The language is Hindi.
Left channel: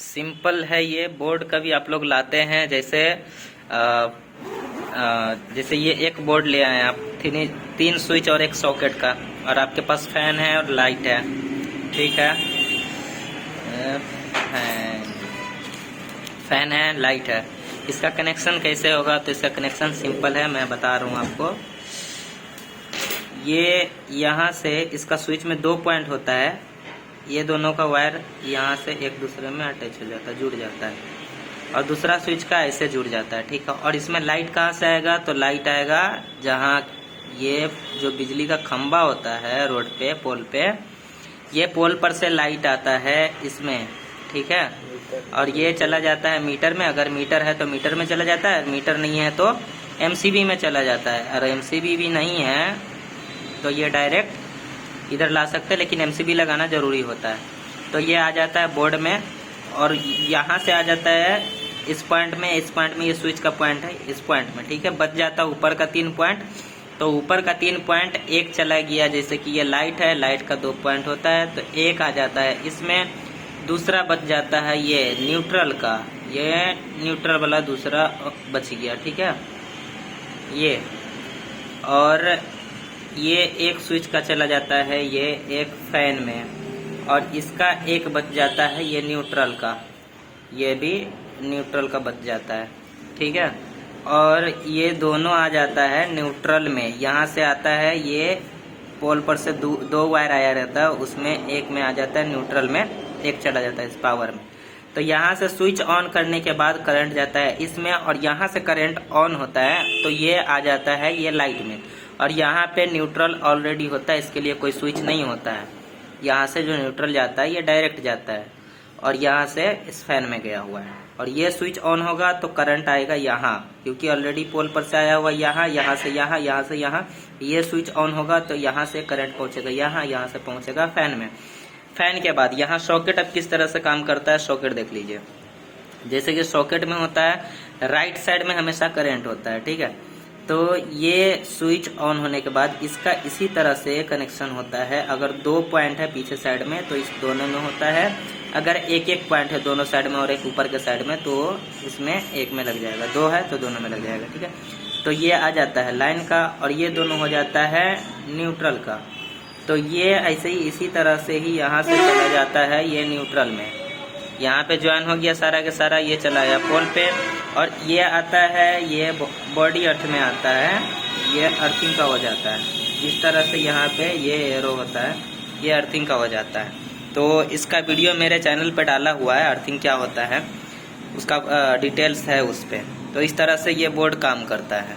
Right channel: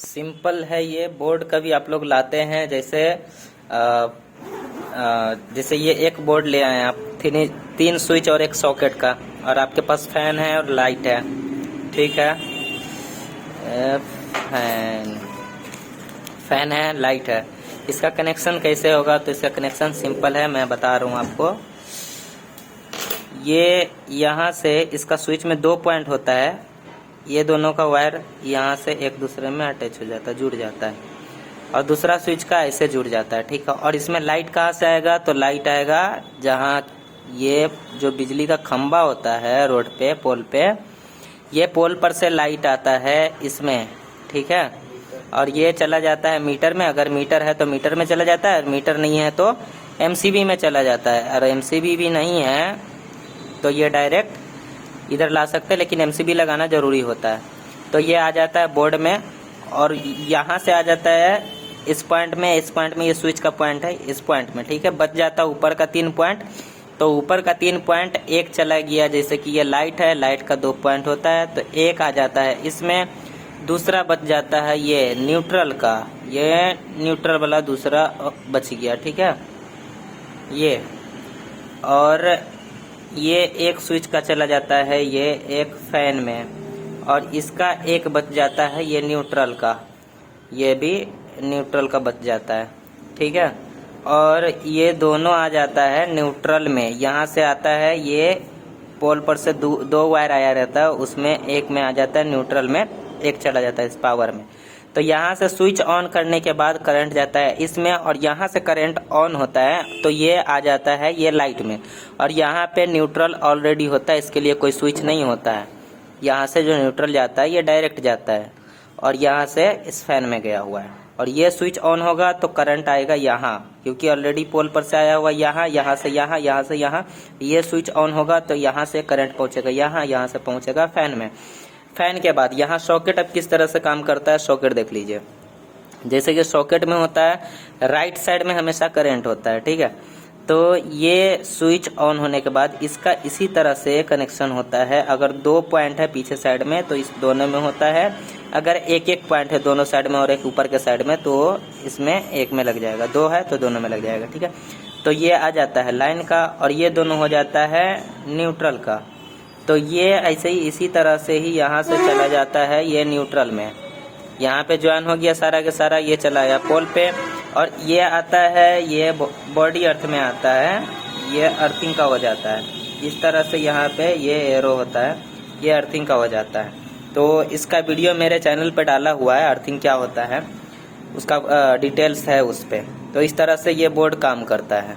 सिंपल है ये बोर्ड। कभी आप लोग लाते हैं जैसे जैसे ये एक बोर्ड ले आए आप, तीन स्विच और एक सॉकेट का, और आपके पास फैन है और लाइट है, ठीक है। फैन है, लाइट है। इसका कनेक्शन कैसे होगा? तो इसका कनेक्शन सिंपल है, मैं बता रहा हूँ आपको। ये यहाँ से इसका स्विच में 2 पॉइंट होता है, ये दोनों का वायर यहाँ से एक दूसरे में अटैच हो जाता है, जुड़ जाता है, और दूसरा स्विच का ऐसे जुड़ जाता है, ठीक है। और इसमें लाइट कहाँ से आएगा? तो लाइट आएगा जहाँ ये जो बिजली का खंबा होता है रोड पे, पोल पे, ये पोल पर से लाइट आता है इसमें, ठीक है। और ये चला जाता है मीटर में, अगर मीटर है तो मीटर में चला जाता है, मीटर नहीं है तो एमसीबी में चला जाता है। और एमसीबी भी नहीं है तो ये डायरेक्ट इधर ला सकते हैं, लेकिन एमसीबी लगाना जरूरी होता है। तो ये आ जाता है बोर्ड में, और यहाँ से आ जाता है इस पॉइंट में, इस पॉइंट में ये स्विच का पॉइंट है, इस पॉइंट में, ठीक है। बच जाता है ऊपर का 3 पॉइंट। तो ऊपर का 3 पॉइंट एक चला गया, जैसे कि ये लाइट है, लाइट का 2 पॉइंट होता है तो एक आ जाता है इसमें। दूसरा बच जाता है ये न्यूट्रल का, ये न्यूट्रल वाला दूसरा बच गया, ठीक है ये। और ये एक स्विच का चला जाता है ये एक फैन में, और इसका एक बच जाता है ये न्यूट्रल का, ये भी न्यूट्रल का बच जाता है, ठीक है। और ये दोनों आ जाता है न्यूट्रल में, यहाँ से आता है ये पोल पर से दो वायर आया रहता है, उसमें एक में आ जाता है न्यूट्रल में, एक चला जाता है इस पावर में। तो यहाँ से स्विच ऑन करने के बाद करंट जाता है इसमें, और यहाँ से करंट ऑन होता है तो ये आ जाता है ये लाइट में। और यहाँ पे न्यूट्रल ऑलरेडी होता है, इसके लिए कोई स्विच नहीं होता है। यहाँ से जो न्यूट्रल जाता है ये डायरेक्ट जाता है, और यहाँ से इस फैन में गया हुआ है। और ये स्विच ऑन होगा तो करंट आएगा यहाँ, क्योंकि ऑलरेडी पोल पर से आया हुआ यहाँ, यहाँ से यहाँ, यहाँ से यहाँ। ये स्विच ऑन होगा तो यहाँ से करंट पहुँचेगा यहाँ, यहाँ से पहुँचेगा फैन में। फैन के बाद यहाँ सॉकेट अब किस तरह से काम करता है, सॉकेट देख लीजिए। जैसे कि सॉकेट में होता है राइट साइड में हमेशा करंट होता है, ठीक है। तो ये स्विच ऑन होने के बाद इसका इसी तरह से कनेक्शन होता है। अगर 2 पॉइंट है पीछे साइड में तो इस दोनों में होता है, अगर एक पॉइंट है दोनों साइड में और एक ऊपर के साइड में तो इसमें एक में लग जाएगा, 2 है तो दोनों में लग जाएगा, ठीक है। तो ये आ जाता है लाइन का, और ये दोनों हो जाता है न्यूट्रल का। तो ये ऐसे ही इसी तरह से ही यहाँ से चला जाता है ये न्यूट्रल में, यहाँ पे ज्वाइन हो गया सारा के सारा, ये चला गया पोल पे। और ये आता है ये बॉडी अर्थ में आता है, ये अर्थिंग का हो जाता है। इस तरह से यहाँ पे ये एरो होता है, ये अर्थिंग का हो जाता है। तो इसका वीडियो मेरे चैनल पे डाला हुआ है, अर्थिंग क्या होता है उसका डिटेल्स है उस पर। तो इस तरह से ये बोर्ड काम करता है।